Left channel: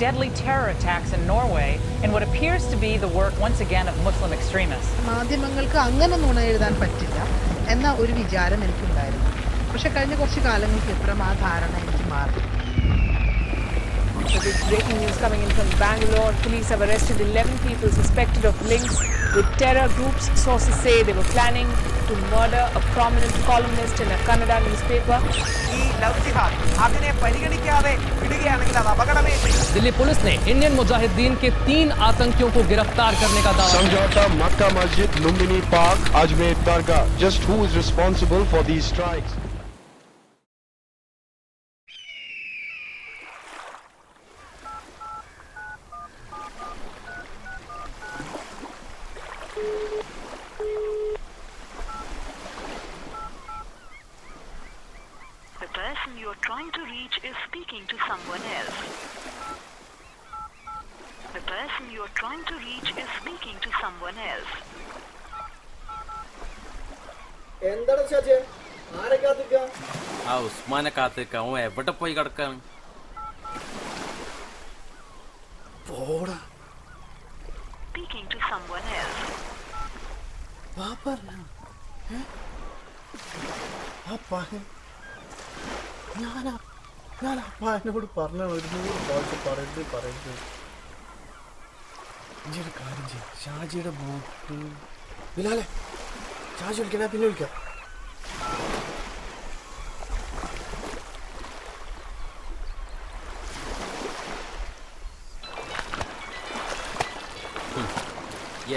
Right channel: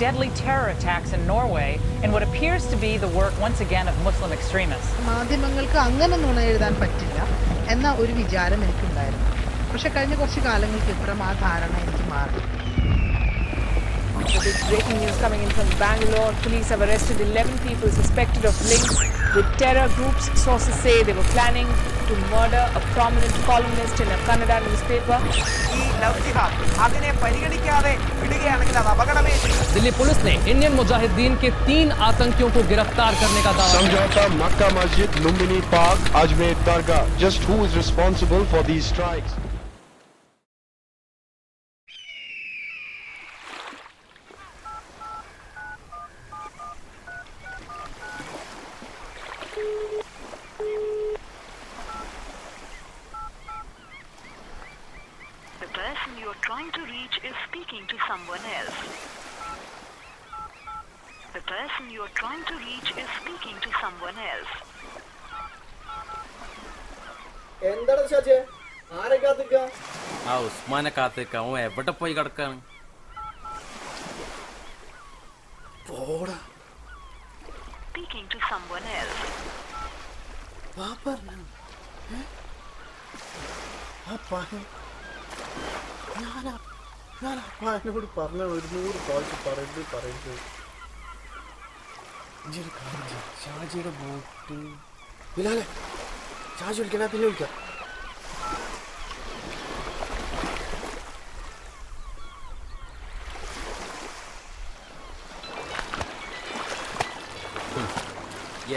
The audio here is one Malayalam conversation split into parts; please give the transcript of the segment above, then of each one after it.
two deadly terror attacks in Norway in what appears to be the work once again of Muslim extremists. മാധ്യമങ്ങൾക്ക് അങ്ങനെ നുണ എഴുതാൻ പറ്റില്ല എന്ന ഒരു വിചാരം എനിക്കുണ്ടായിരുന്നു പക്ഷെ കഴിഞ്ഞ കുറച്ച് കാലങ്ങൾക്ക് ഇപ്പുറം ആ ധാരണ എനിക്ക് മാറി The big breaking news coming in from Bangalore. Police have arrested 11 people suspected of links with terror groups, sources say they were planning to murder a prominent columnist in a Kannada newspaper. Delhi police ने इंडियन मुजाहिदीन के तीन आतंकियों को गिरफ़्तार करने का दावा Samjhauta Mecca Masjid Lumbini park Ajmer Dargah just who is responsible for these strikes The person you're trying to reach is speaking to someone else. The person you're trying to reach is speaking to someone else. എന്താണ് ഷാജെ ആരെ കാത്തിക്ക ആ ഉസ്മാനെ കാത്തിക്ക അവൻ എവിടെ പോയി കിടക്കാണ് പോടാ Speaking to someone else. വാ പറഞ്ഞ ആ പയ്യൻ ഞാനാ ഞാൻ ആ എന്നോട് പറഞ്ഞ ഒരു നൂറ് പ്രാവശ്യം പറയരുത് പറയരുത്. ഇഞ്ചൊരു കാര്യം ചെയ്യ്. ഷാജിയുടെ ബോട്ട് ബിലാലെ ഷാജി വിളിക്കണ പിന്നെ വിളിക്കാം.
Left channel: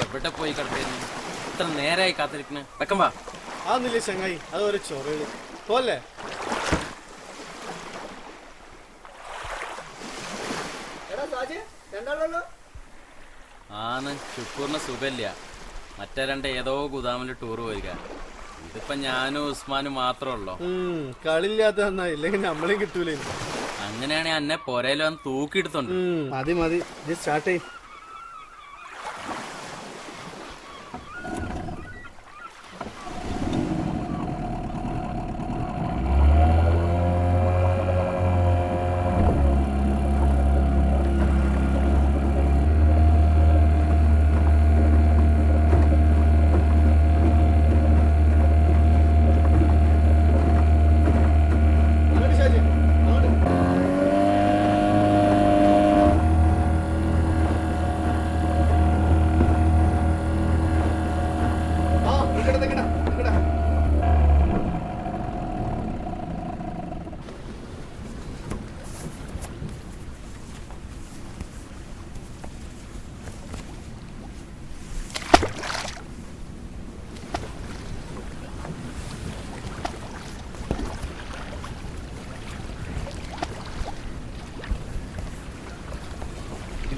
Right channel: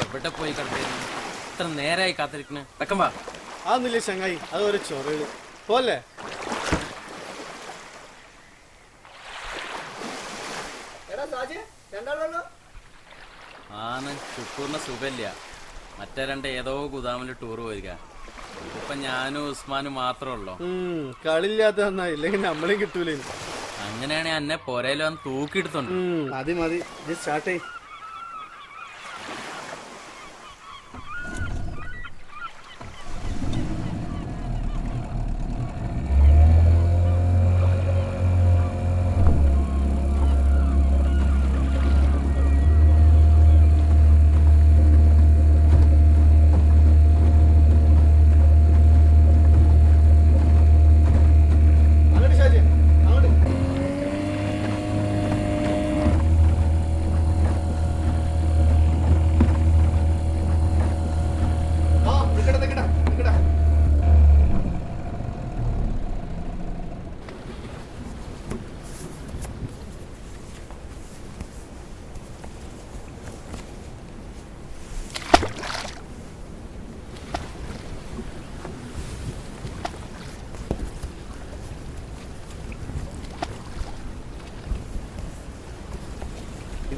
എവിടെ പോയി കിടക്കുന്നു ഇത്ര നേരായി കാത്തിരിക്കണേ. വെക്കമ്പാ വാ. അതൊന്നുമില്ല ചങ്ങായി അതൊരു ഒരു ചൊറകൾ പോലെ ആന്ന് ഷുക്കൂറിന് സുഖമില്ല. മറ്റേ രണ്ട് ഏതോ ഗുദാമിൽ ടൂർ പോയിരിക്ക. ഇതിപ്പോ ഞാനും ഉസ്മാനും മാത്രമല്ലോ ഉള്ളൂ കളില്ലാത്ത ഇല്ലെങ്കിൽ നമ്മളെയും കിട്ടൂലേ അങ്ങനെയാണെങ്കിൽ എന്നെ പോരയിലോ തൂക്കിയെടുത്തോണ്ട്. മതി മതി. സ്റ്റാർട്ട് ചെയ്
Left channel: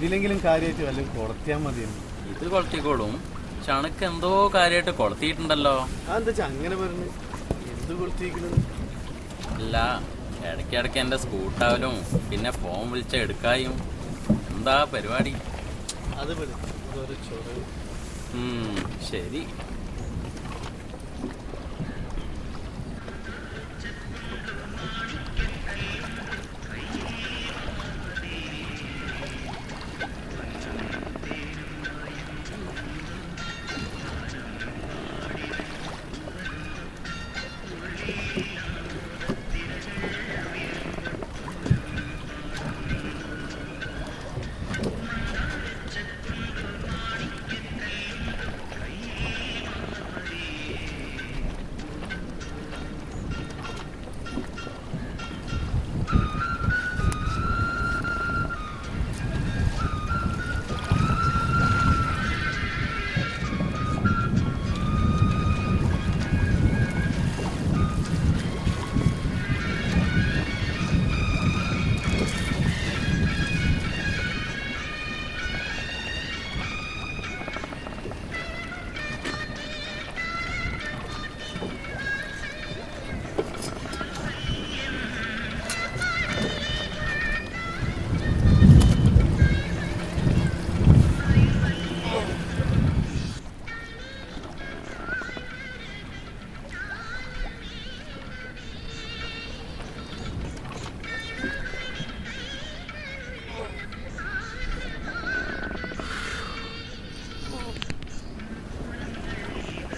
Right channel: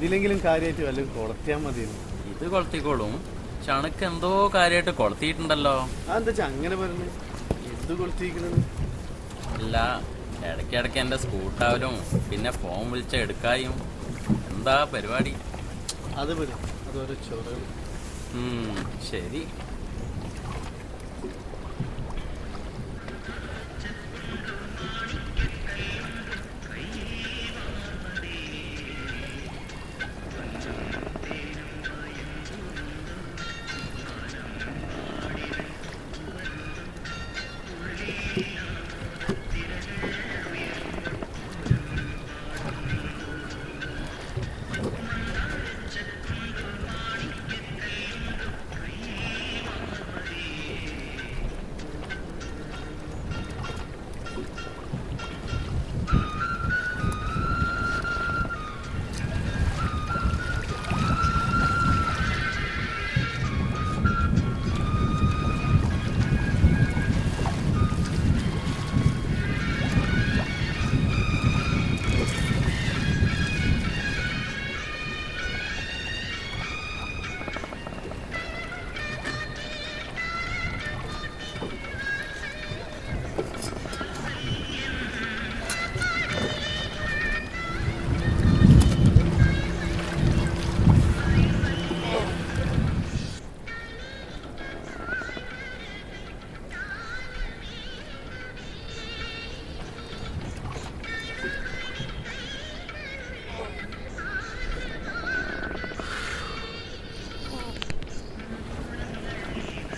ഇതിലെങ്കിലും കാര്യമായിട്ട് വല്ലതും കൊളത്തിയാൽ മതിയെന്ന്. ഇത് കൊളത്തിക്കോളും. ചണക്ക് എന്തോ കാര്യമായിട്ട് കൊളത്തിയിട്ടുണ്ടല്ലോ. അതെന്താ അങ്ങനെ പറഞ്ഞു. എന്ത് കൊളത്തിയിരിക്കുന്നത് അല്ല ഇടയ്ക്കിടയ്ക്ക് എന്റെ സ്കൂട്ടാവലും പിന്നെ ഫോൺ വിളിച്ച എടുക്കായും. എന്താ പരിപാടി? അത് പോലെ അതൊരു ചൊറ ഉം, ശരി.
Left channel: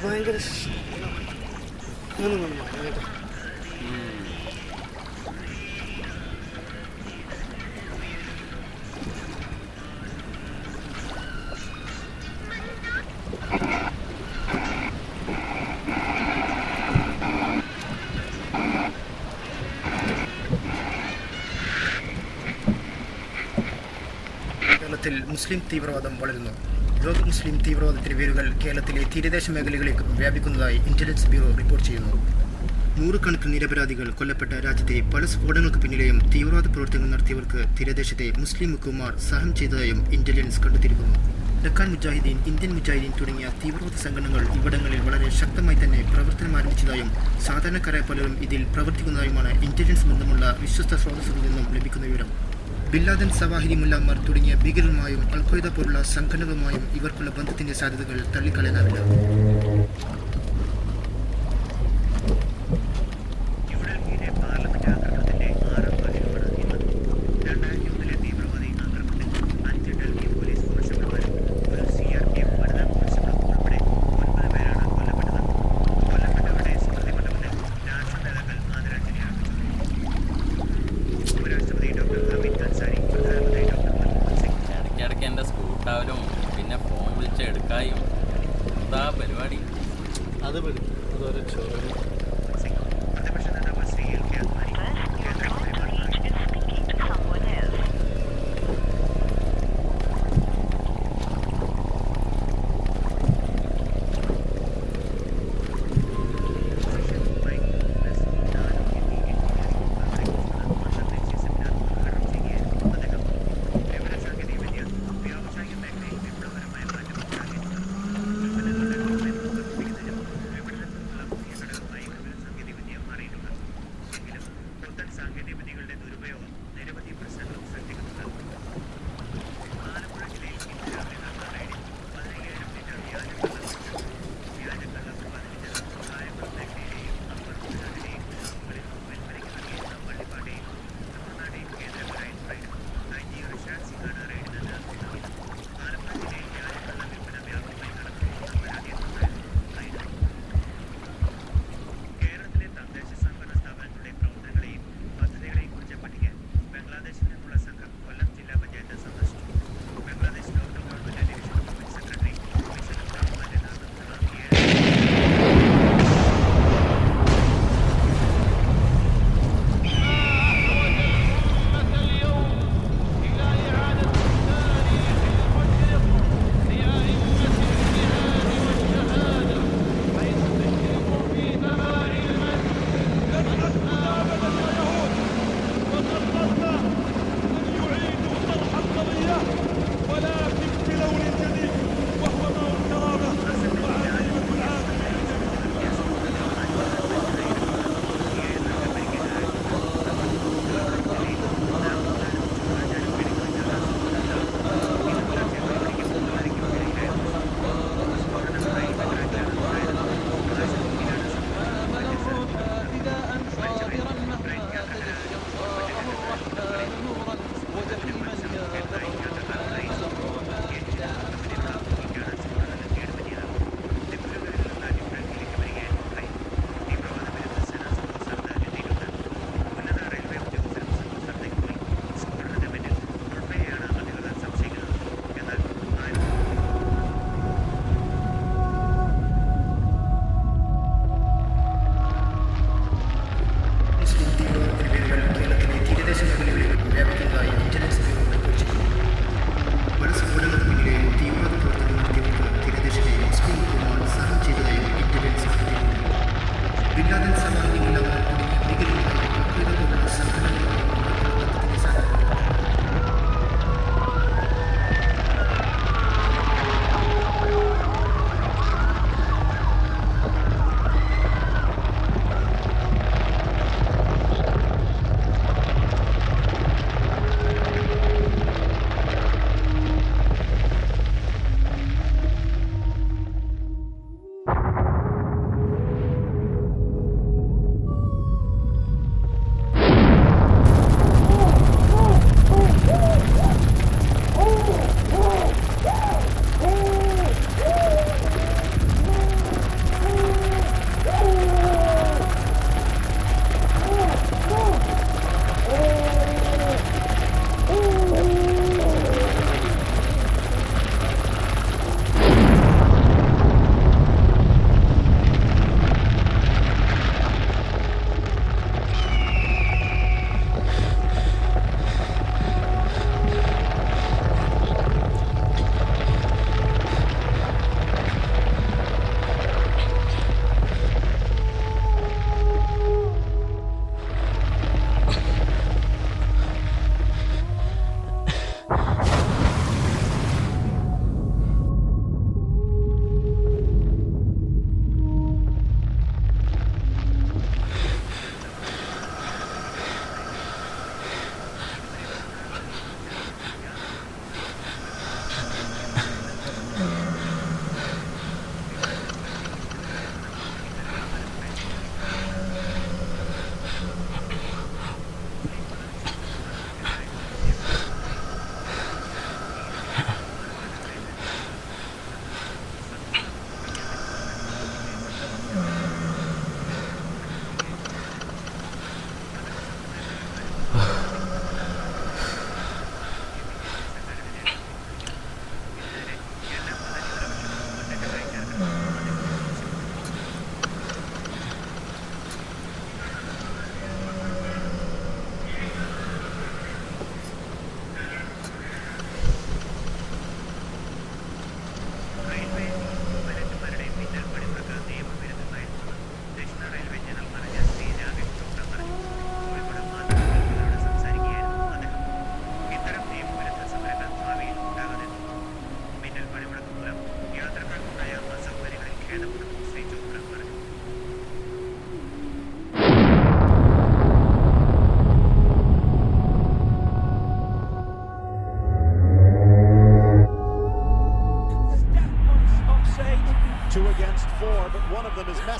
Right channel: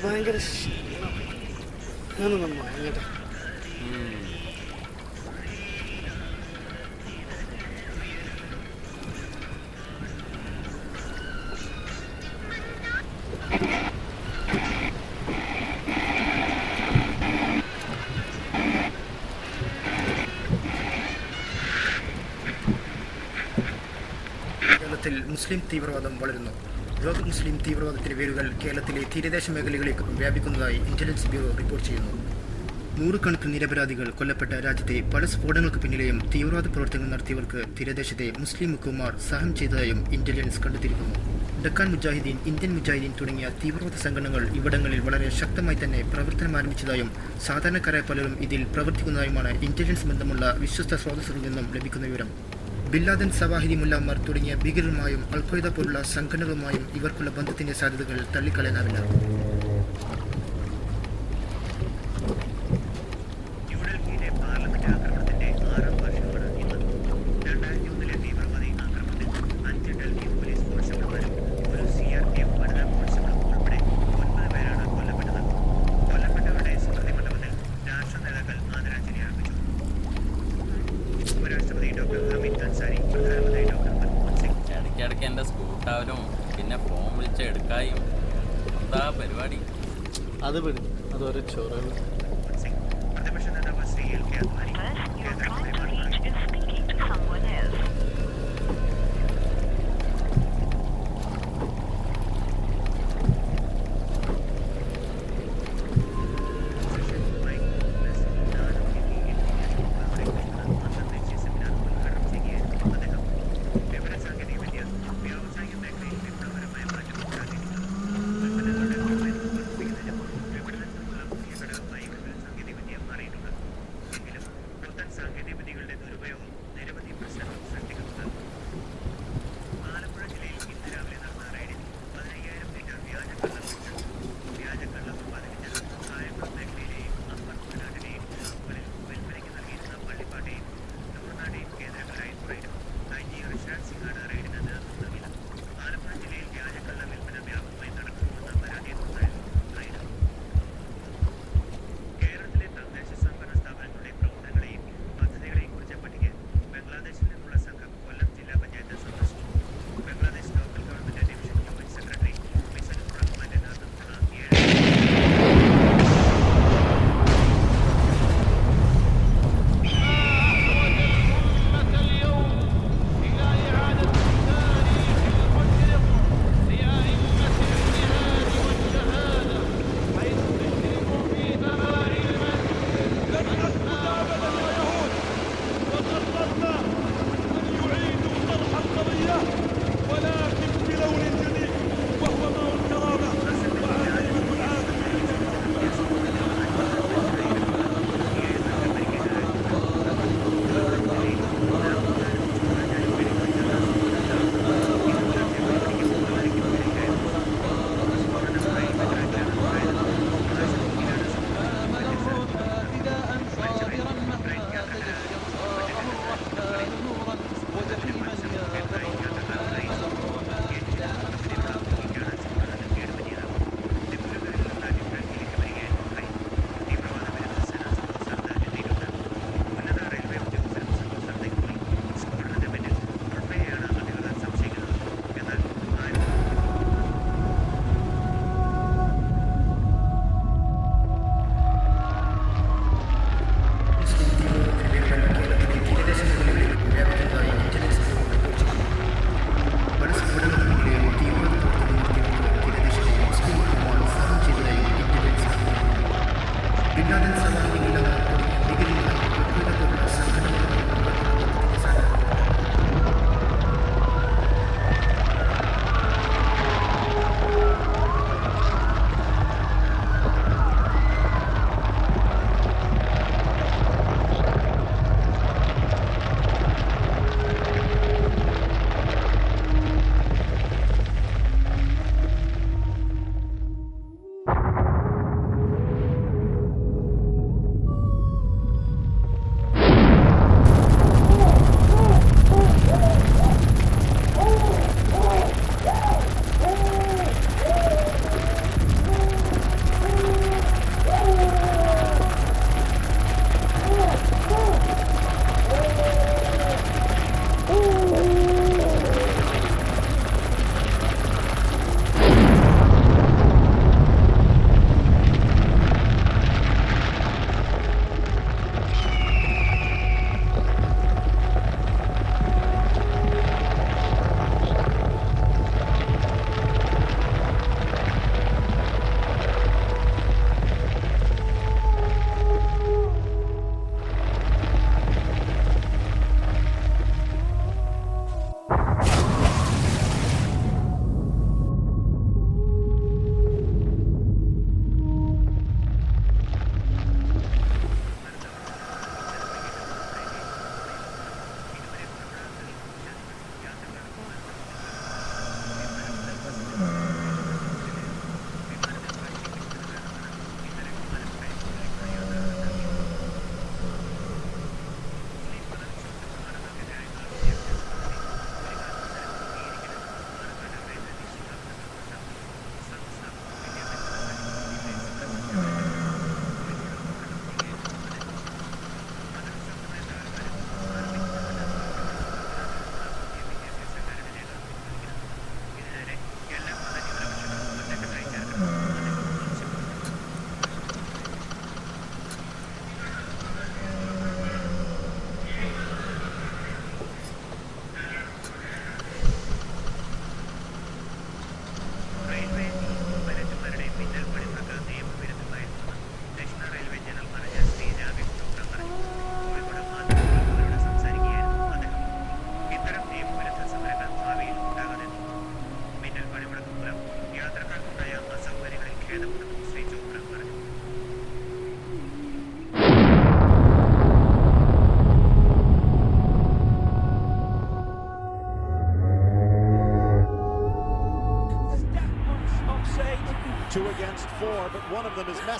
ഭയങ്കര ഞാനൊന്നും ഭയങ്കര കേരളത്തിൽ മുസ്ലിം തീവ്രവാദം വളരുന്നു. ലോക മുസ്ലിം തീവ്രവാദത്തിന്റെ വേരുകൾ കേരളത്തിലെ തീരദേശ മേഖലകളിലേക്ക് വ്യാപിക്കുന്നതായി ഇന്റലിജൻസ് ബ്യൂറോ റിപ്പോർട്ട് ചെയ്യുന്നു. നൂറുകണക്കിന് നിരപരാധികൾ കൊല്ലപ്പെട്ട രാജ്യത്തെ പല സ്ഫോടനങ്ങൾക്ക് പിന്നിലെയും തീവ്രവാദ പ്രവർത്തനങ്ങൾ നടത്തിയവർക്ക് തീരദേശത്തെ മുസ്ലിം മുക്കുമാർ സഹം ചെയ്തതായും ഇന്റലിജൻസ് കണ്ടെത്തിയിരിക്കുന്നു. ഡക്കാൻ മുജാഹിദ്ദീൻ ഇന്ത്യൻ മുജാഹിദ്ദീൻ തുടങ്ങിയ തീവ്രവാദ സംഘടനകൾ ഇവിടങ്ങളിൽ വളരെ ശക്തമായി തന്നെ പ്രവർത്തനം ആരംഭിച്ചതായും സാധാരണക്കാരായ പലരും ഇതിൽ പ്രവർത്തിക്കുന്നതായുമാണ് ഇന്റലിജൻസ് ബന്ധമുള്ള വിശ്വസ്ത സ്രോതസ്സുകളിൽ നിന്നും ലഭിക്കുന്ന വിവരം. ബില്ലാദൻ സവാഹിരി മുല്ലാമർ തുടങ്ങിയ ഭീകരരുമായും അൽഖ്വയ്ദ പോലുള്ള സംഘടനകളുമായും ഇവർക്കുള്ള ബന്ധത്തിന്റെ സാധ്യതകൾ തള്ളിക്കളയാനാവില്ല.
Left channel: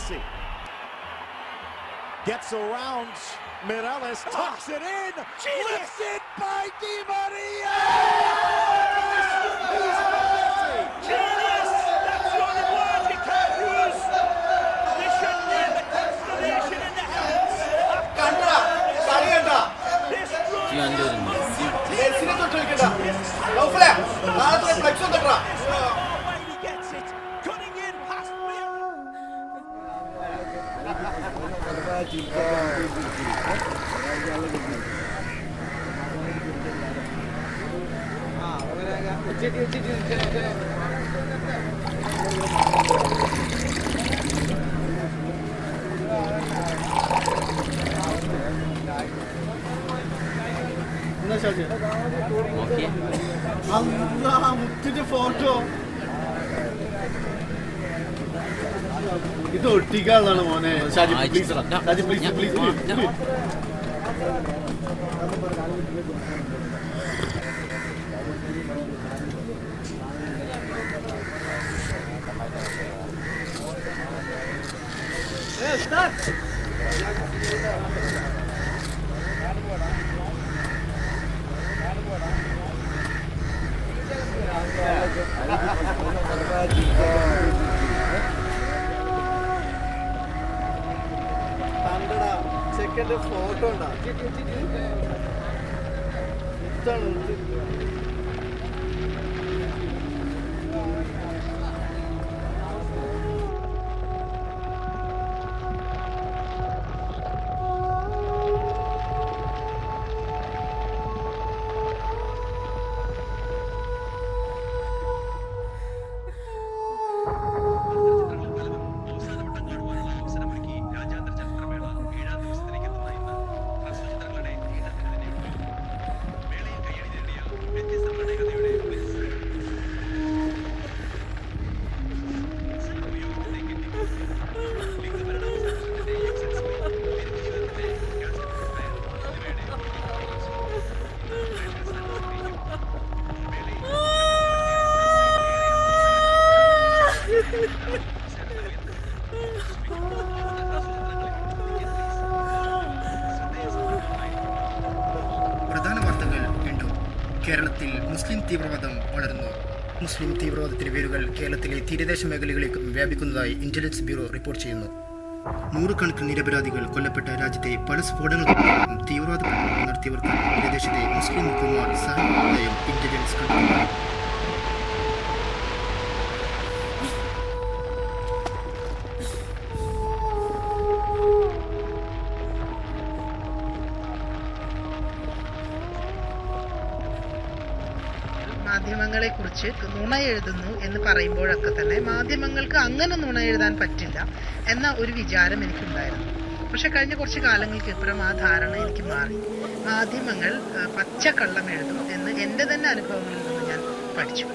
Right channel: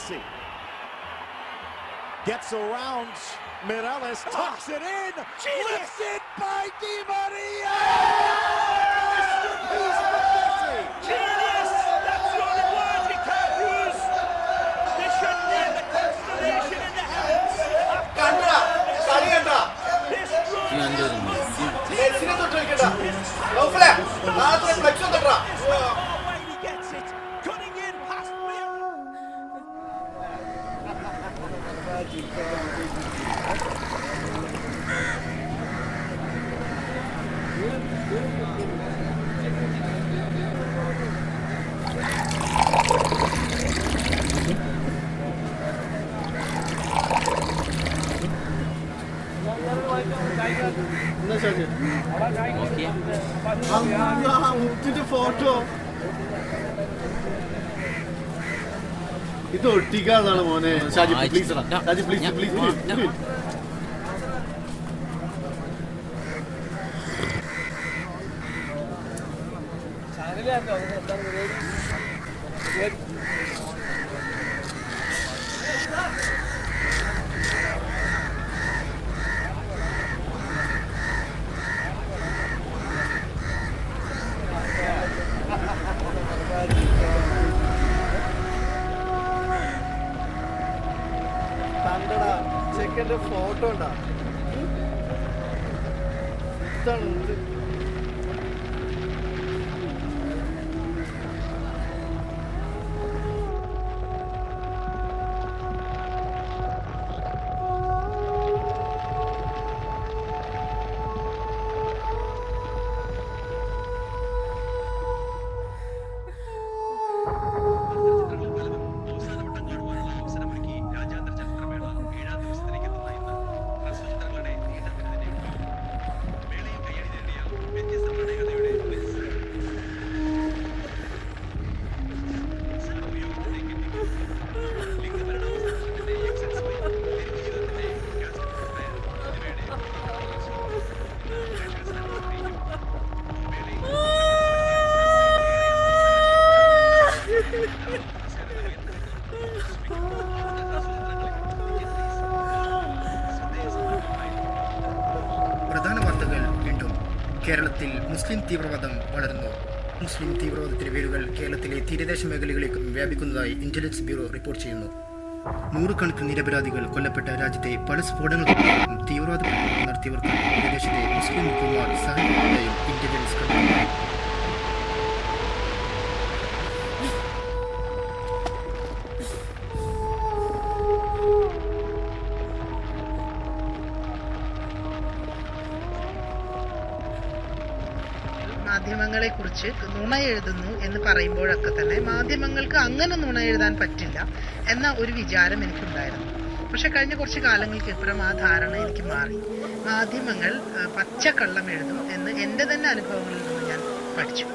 Messi. Gets around Mireles, tucks it in, lifts it by Di Maria! Masterpiece from Messi! Genius! That's the only word we can use! They should name the constellation in the heavens! This എന്റെ ഒരു മെസ്സി Almighty gets നോക്കിയേ മുത്തിന്റെ ഫോട്ടോ ഇത് ഒട്ടിക്കാതാണ് മോനെ. Shaji please Shaji please please ഞാൻ- ഞാൻ- കണ്ടടാ ഫോട്ടോ ഉണ്ടാ? ഇതാണ് കേരളത്തിൽ മുസ്ലിം തീവ്രവാദം വളരുന്നു മുസ്ലിം തീവ്രവാദത്തിന്റെ വേരുകൾ കേരളത്തിലെ തീരദേശ മേഖലകളിലേക്കും വ്യാപിക്കുന്നതായി ഇന്റലിജൻസ് ബ്യൂറോ റിപ്പോർട്ട് ചെയ്യുന്നു. നൂറുകണക്കിന് നിരപരാധികൾ കൊല്ലപ്പെട്ട രാജ്യത്തെ പല സ്ഫോടനങ്ങൾക്കും തീവ്രവാദ നടത്തിയവർക്ക് പ്രദേശത്തെ മുസ്ലിം മുഖ്യന്മാർ സഹായിക്കുന്നതായും ഇന്റലിജൻസ് കണ്ടെത്തി മാധ്യമങ്ങളെ കുറിച്ച് നുണ എഴുതുന്നു എന്ന് പറയുമ്പോഴൊക്കെ തന്നെ മാധ്യമങ്ങൾക്ക് അങ്ങനെ നുണ എഴുതാൻ പറ്റില്ല എന്ന ഒരു വിചാരം എനിക്കുണ്ടായിരുന്നു. പക്ഷെ കഴിഞ്ഞ കുറച്ച് കാലങ്ങൾക്ക് ഇപ്പുറം ആ ധാരണ എനിക്ക് മാറി. മാധ്യമങ്ങൾ പച്ചക്കള്ളം എഴുതും എന്ന് എന്റെ തന്നെ അനുഭവങ്ങളിൽ നിന്ന് ഞാൻ പഠിച്ചു.